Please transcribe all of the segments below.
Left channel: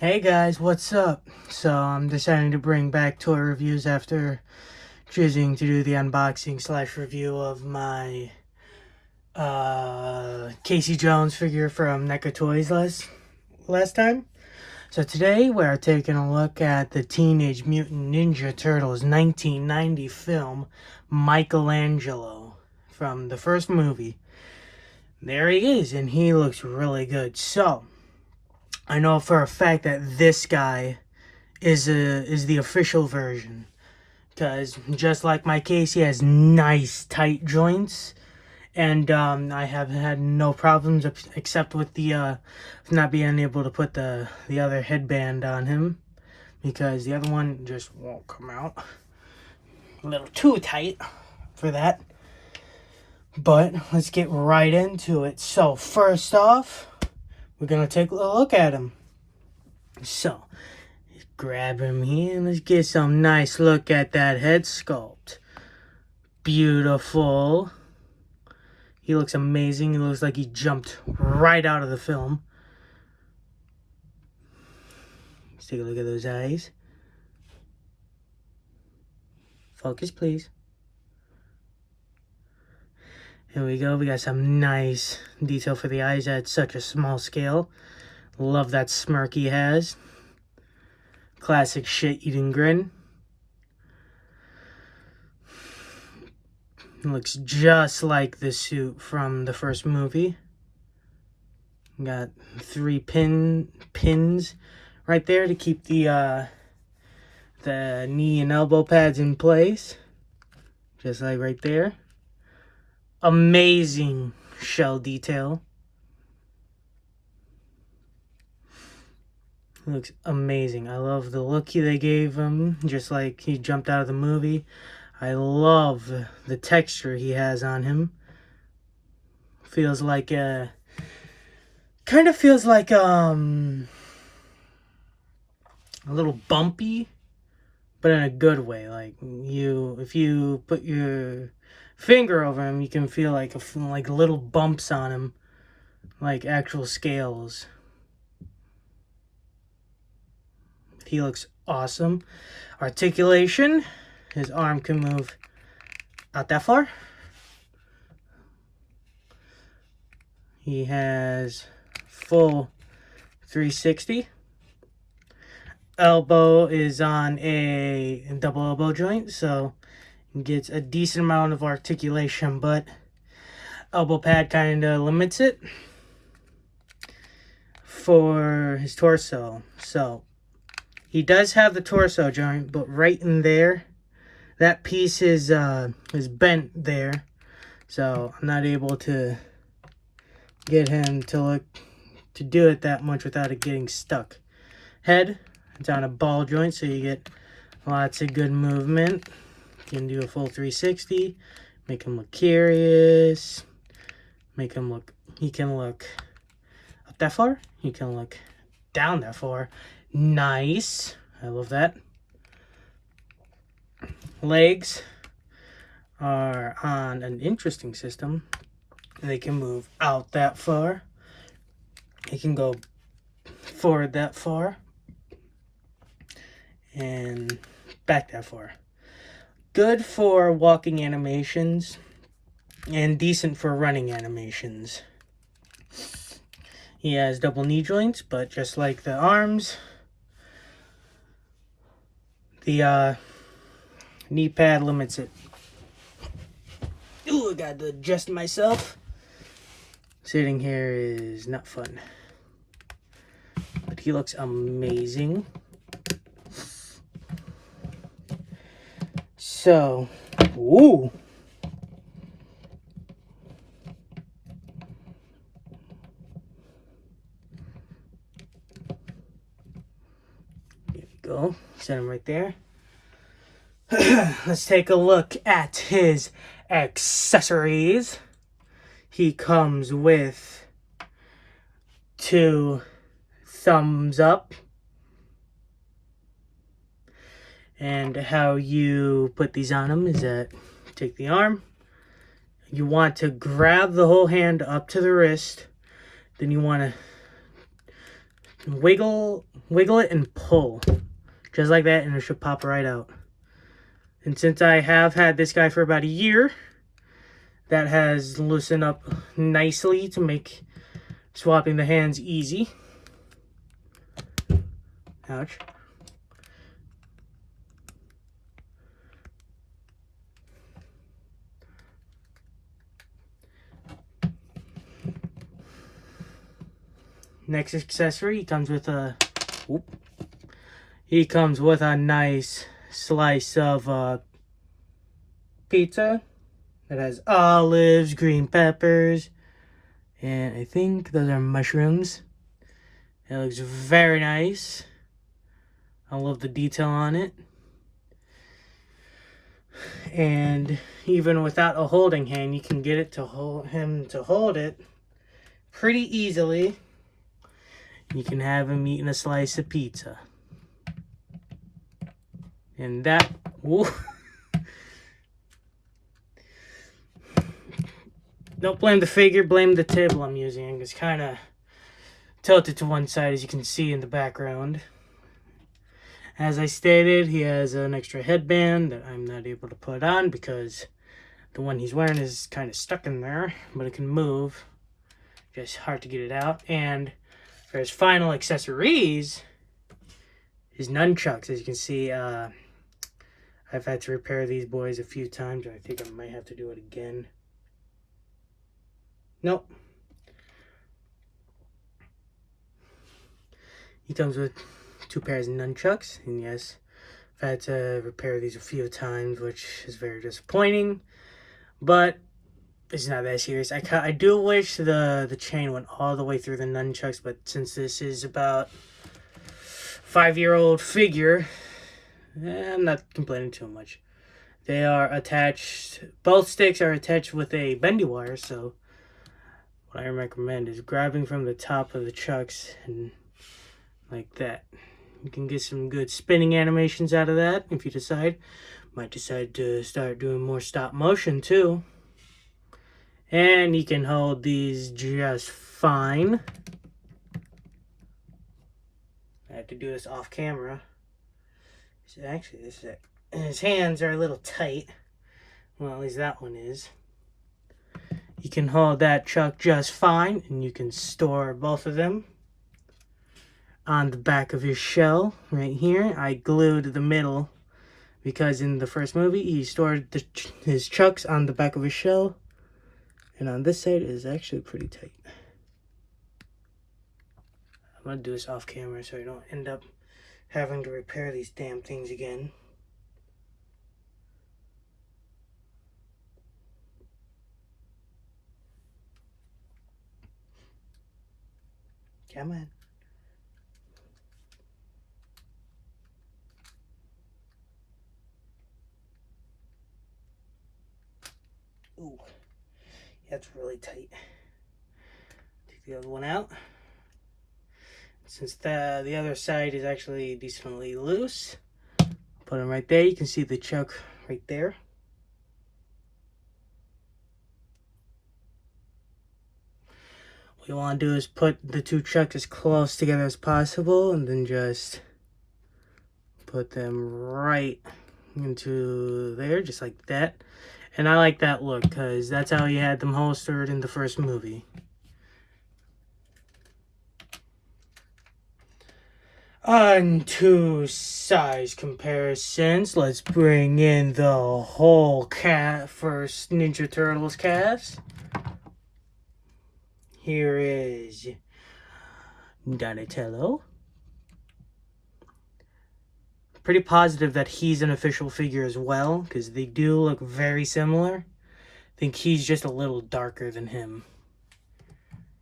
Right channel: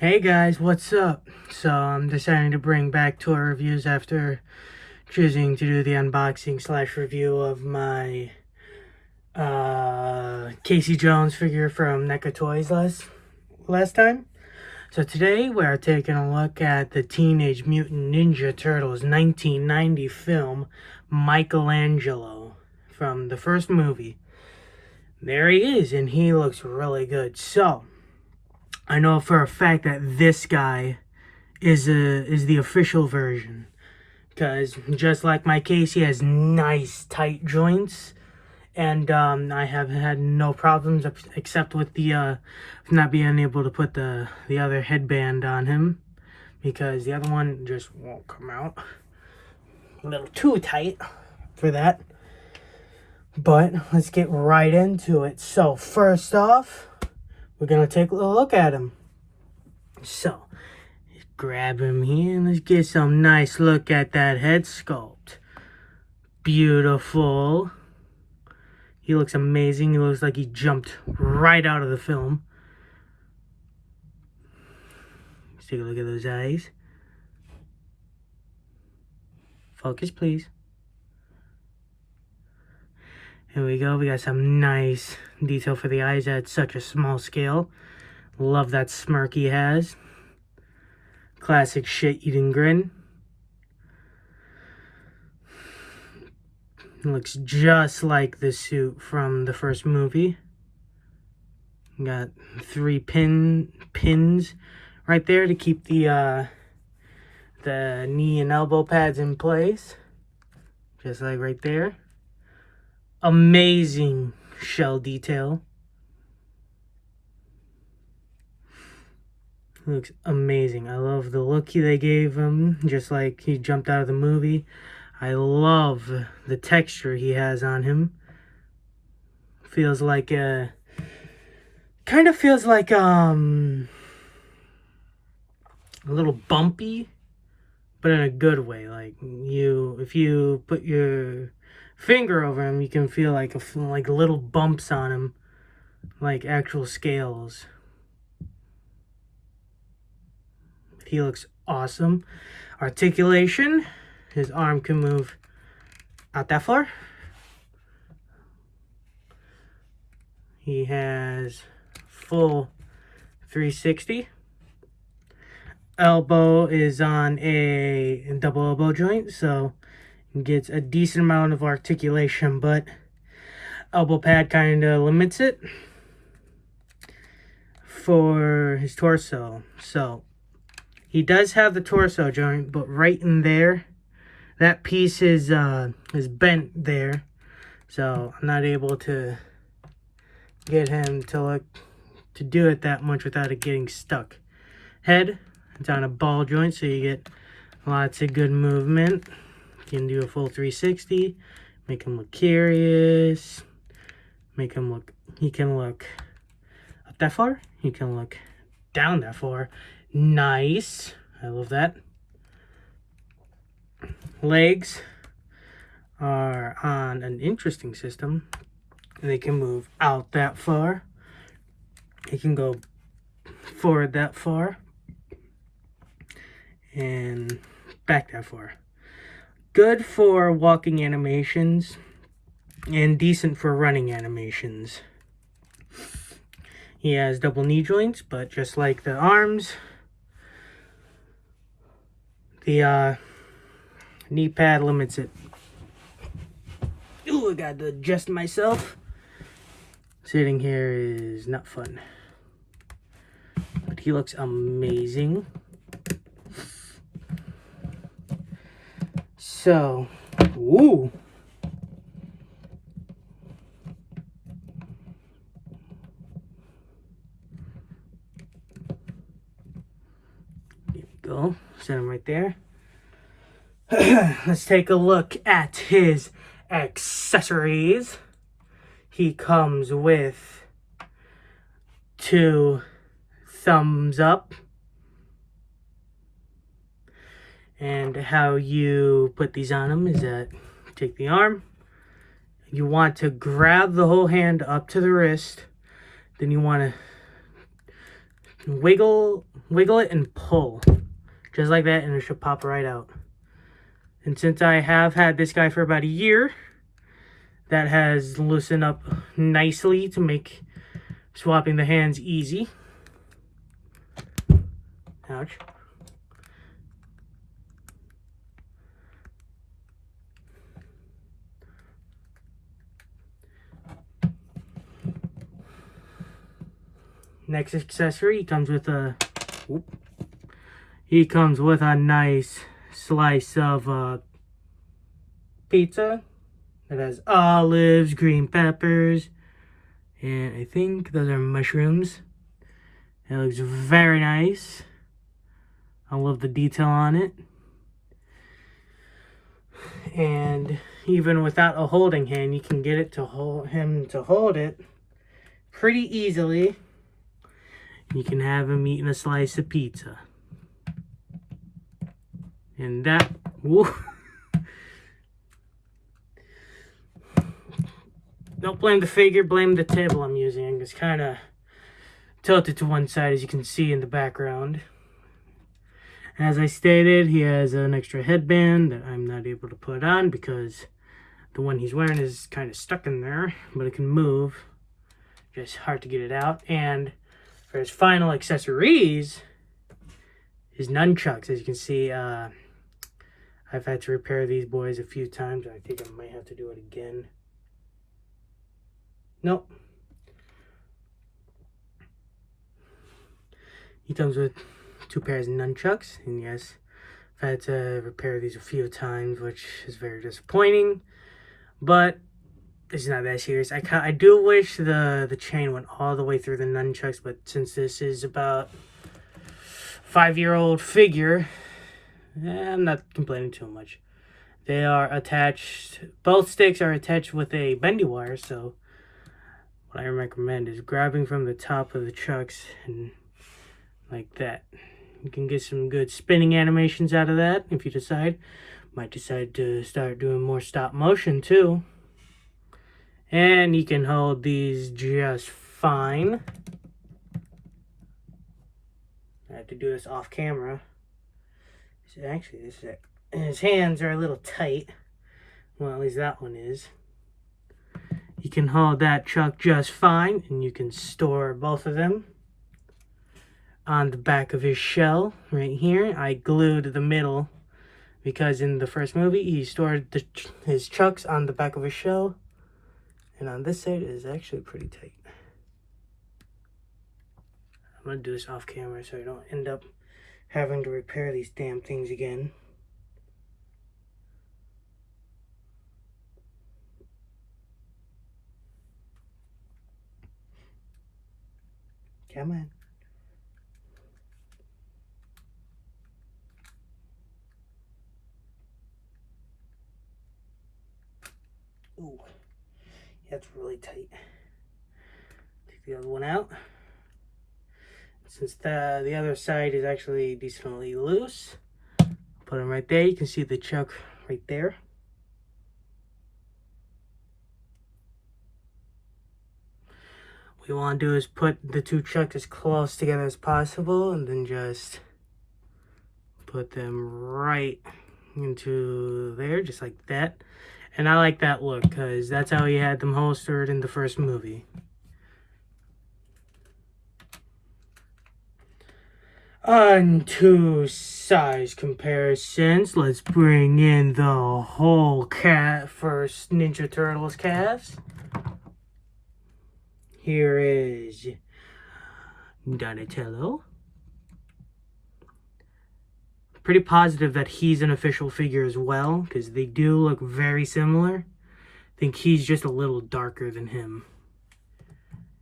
Hey guys, what's up? So I'm deciding to bring back toy reviews after choosing to do the unboxing slash review of my Casey Jones figure from Neca Toys last time. So today we're taking a look at the Teenage Mutant Ninja Turtles 1990 film Michelangelo from the first movie. There he is, and he looks really good. So I know for a fact that this guy is the official version, because just like my case, he has nice tight joints, and I have had no problems except with the not being able to put the other headband on him, because the other one just won't come out. A little too tight for that. But let's get right into it. So first off, we're gonna take a look at him. So grab him here and let's get some nice look at that head sculpt. Beautiful. He looks amazing. He looks like he jumped right out of the film. Let's take a look at those eyes. Focus, please. Here we go. We got some nice detail for the eyes at such a small scale. Love that smirk he has. Classic shit-eating grin. Looks just like the suit from the first movie. Got 3 pins right there to keep the knee and elbow pads in place, just like right there. Amazing shell detail. Looks amazing. I love the look they gave him, just like he jumped out of the movie. I love the texture he has on him. Feels like kind of feels like a little bumpy, but in a good way. Like if you put your finger over him, you can feel like like little bumps on him, like actual scales. He looks awesome. Articulation, his arm can move out that far. He has full 360. Elbow is on a double elbow joint, so he gets a decent amount of articulation, but elbow pad kind of limits it for his torso. So he does have the torso joint, but right in there, that piece is bent there, so I'm not able to get him to do it that much without it getting stuck. Head, it's on a ball joint, so you get lots of good movement. You can do a full 360, make him look curious, make him look, he can look up that far, he can look down that far. Nice. I love that. Legs are on an interesting system. They can move out that far. They can go forward that far. And back that far. Good for walking animations and decent for running animations. He has double knee joints, but just like the arms, the knee pad limits it. Ooh, I got to adjust myself. Sitting here is not fun. But he looks amazing. So, ooh. There we go. Set him right there. Let's take a look at his accessories. He comes with 2 thumbs up. And how you put these on him is that you take the arm, you want to grab the whole hand up to the wrist, then you want to wiggle it and pull. Just like that, and it should pop right out. And since I have had this guy for about a year, that has loosened up nicely to make swapping the hands easy. Ouch. Next accessory, he comes with a nice slice of pizza. It has olives, green peppers, and I think those are mushrooms. It looks very nice. I love the detail on it. And even without a holding hand, you can get it to hold it pretty easily. You can have him eating a slice of pizza. And that, woo. Don't blame the figure, blame the table I'm using. It's kind of tilted to one side, as you can see in the background. As I stated, he has an extra headband that I'm not able to put on because the one he's wearing is kind of stuck in there, but it can move. Just hard to get it out. And for his final accessories, his nunchucks. As you can see, I've had to repair these boys a few times. I think I might have to do it again. Nope. He comes with 2 pairs of nunchucks, and yes, I've had to repair these a few times, which is very disappointing, but it's not that serious. I do wish the chain went all the way through the nunchucks, but since this is about 5-year-old figure, I'm not complaining too much. They are attached, both sticks are attached with a bendy wire, so what I recommend is grabbing from the top of the chucks and like that. You can get some good spinning animations out of that if you decide. Might decide to start doing more stop motion too. And you can hold these just fine. I have to do this off camera. So actually, this is it. And his hands are a little tight. Well, at least that one is. You can hold that chuck just fine, and you can store both of them on the back of his shell right here. I glued the middle because in the first movie he stored his chucks on the back of his shell, and on this side it is actually pretty tight. I'm gonna do this off camera so I don't end up having to repair these damn things again. Come on. Ooh, that's really tight. Take the other one out. Since the other side is actually decently loose, put them right there. You can see the chuck right there. What you want to do is put the 2 chucks as close together as possible, and then just put them right into there, just like that. And I like that look because that's how he had them holstered in the first movie. On to size comparisons, let's bring in the whole first Ninja Turtles cast. Here is Donatello. Pretty positive that he's an official figure as well, because they do look very similar. I think he's just a little darker than him.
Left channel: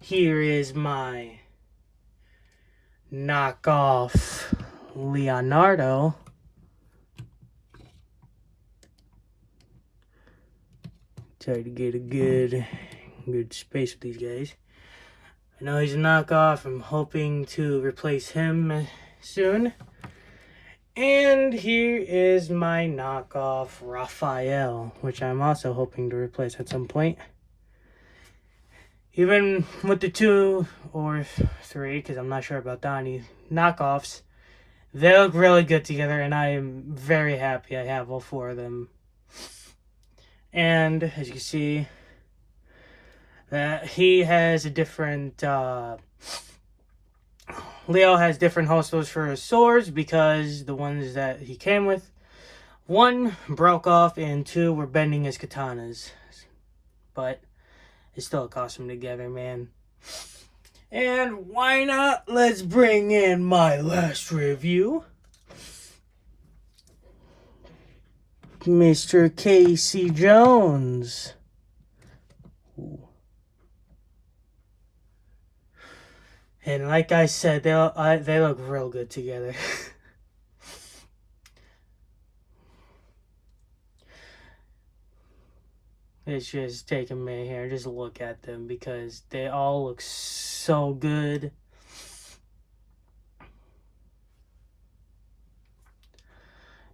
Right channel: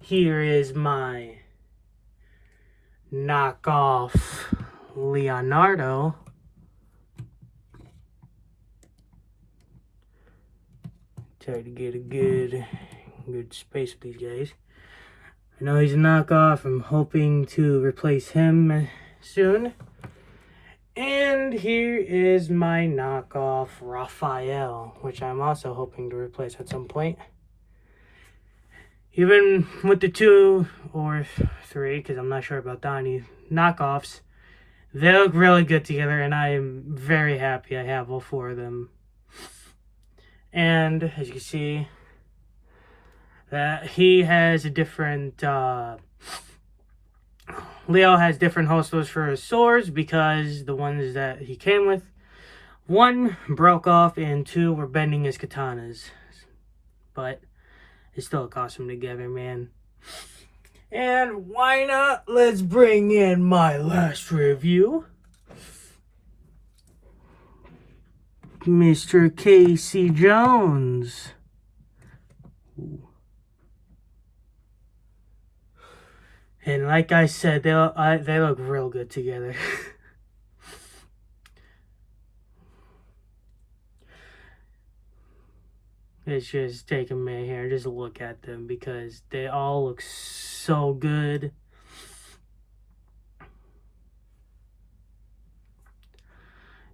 Here is my knockoff Leonardo. Try to get a good space with these guys. I know he's a knockoff. I'm hoping to replace him soon. And here is my knockoff Raphael, which I'm also hoping to replace at some point. Even with the 2 or 3, because I'm not sure about Donnie, knockoffs, they look really good together, and I am very happy I have all 4 of them. And as you can see, that he has a different, Leo has different holsters for his swords because the ones that he came with, 1 broke off and 2 were bending his katanas. But it's still a costume together, man. And why not? Let's bring in my last review. Mr. Casey Jones. Ooh. And like I said, they look real good together. It's just take a minute here and just look at them because they all look so good.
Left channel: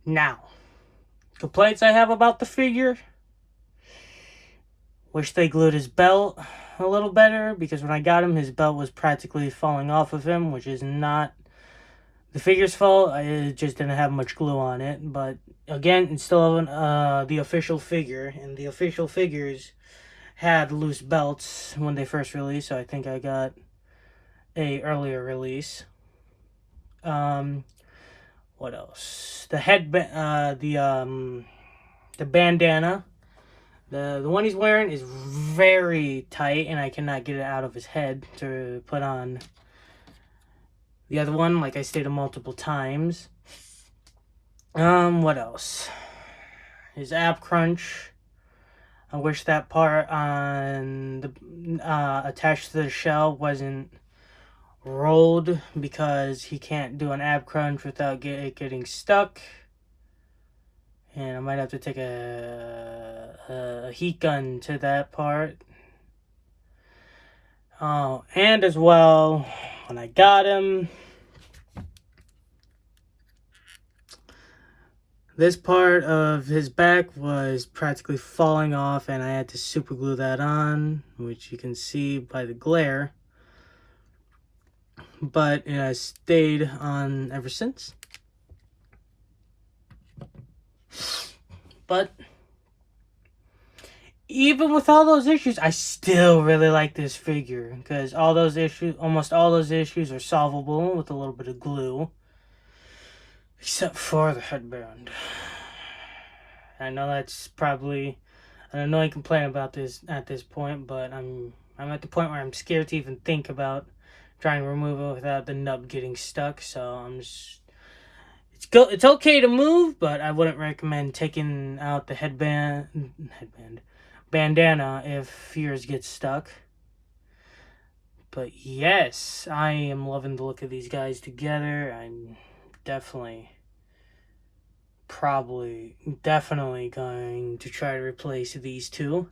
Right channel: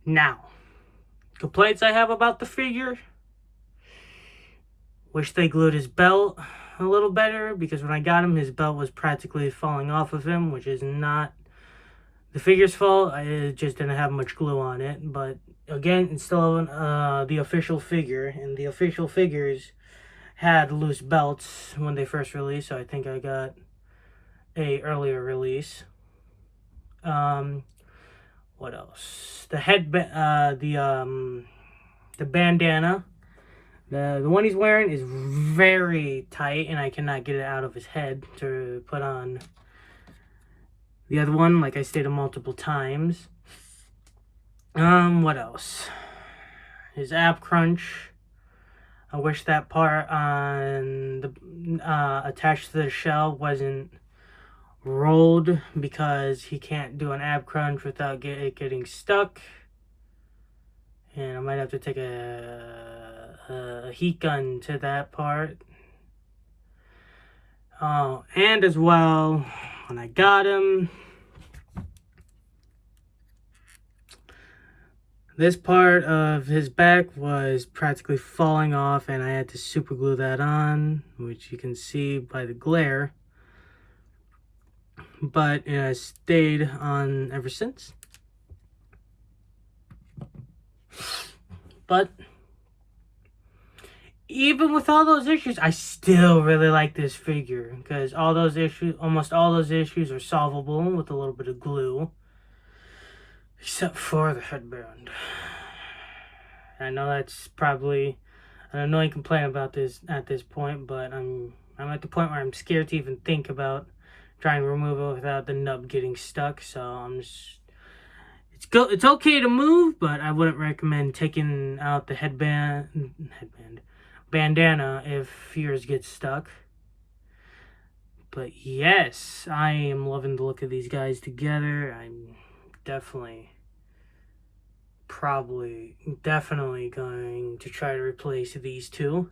Now, complaints I have about the figure. Wish they glued his belt a little better, because when I got him, his belt was practically falling off of him, which is not the figure's fault. It just didn't have much glue on it. But again, it's still the official figure, and the official figures had loose belts when they first released, so I think I got a earlier release. What else? The headband, the bandana. The one he's wearing is very tight, and I cannot get it out of his head to put on. The other one, like I stated multiple times. What else? His ab crunch. I wish that part on the attached to the shell wasn't rolled, because he can't do an ab crunch without it getting stuck. And I might have to take a heat gun to that part. Oh, and as well, when I got him, this part of his back was practically falling off, and I had to super glue that on, which you can see by the glare. But it has stayed on ever since. But even with all those issues, I still really like this figure, because almost all those issues are solvable with a little bit of glue, except for the headband. I know that's probably an annoying complaint about this at this point, but I'm at the point where I'm scared to even think about trying to remove it without the nub getting stuck. So I'm just, it's okay to move, but I wouldn't recommend taking out the bandana if yours gets stuck. But yes, I am loving the look of these guys together. I'm definitely going to try to replace these 2.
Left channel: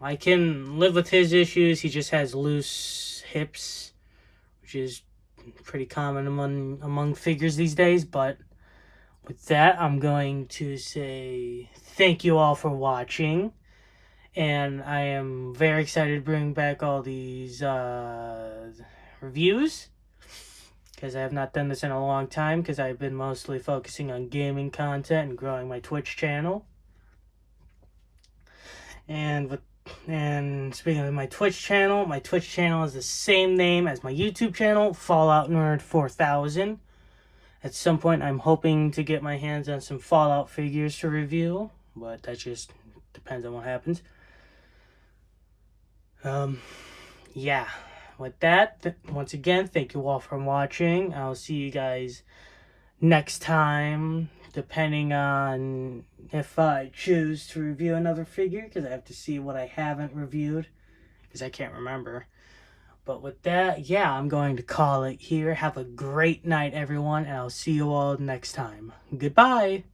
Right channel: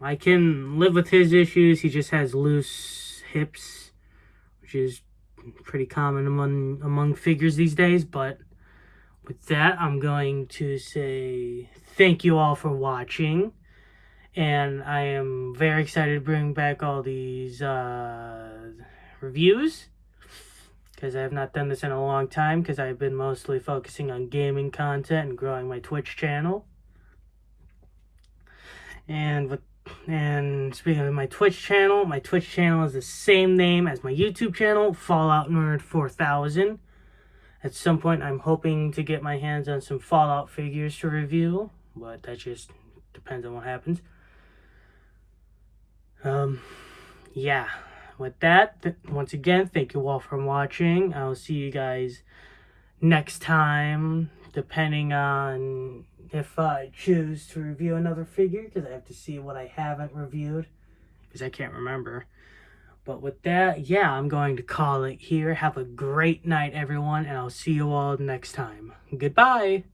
I can live with his issues. He just has loose hips, which is pretty common among figures these days. But with that, I'm going to say thank you all for watching, and I am very excited to bring back all these reviews, because I have not done this in a long time, because I've been mostly focusing on gaming content and growing my Twitch channel. And speaking of my Twitch channel is the same name as my YouTube channel, Fallout Nerd 4000. At some point, I'm hoping to get my hands on some Fallout figures to review, but that just depends on what happens. Yeah. With that, once again, thank you all for watching. I'll see you guys next time, depending on if I choose to review another figure, because I have to see what I haven't reviewed, because I can't remember. But with that, yeah, I'm going to call it here. Have a great night, everyone, and I'll see you all next time. Goodbye!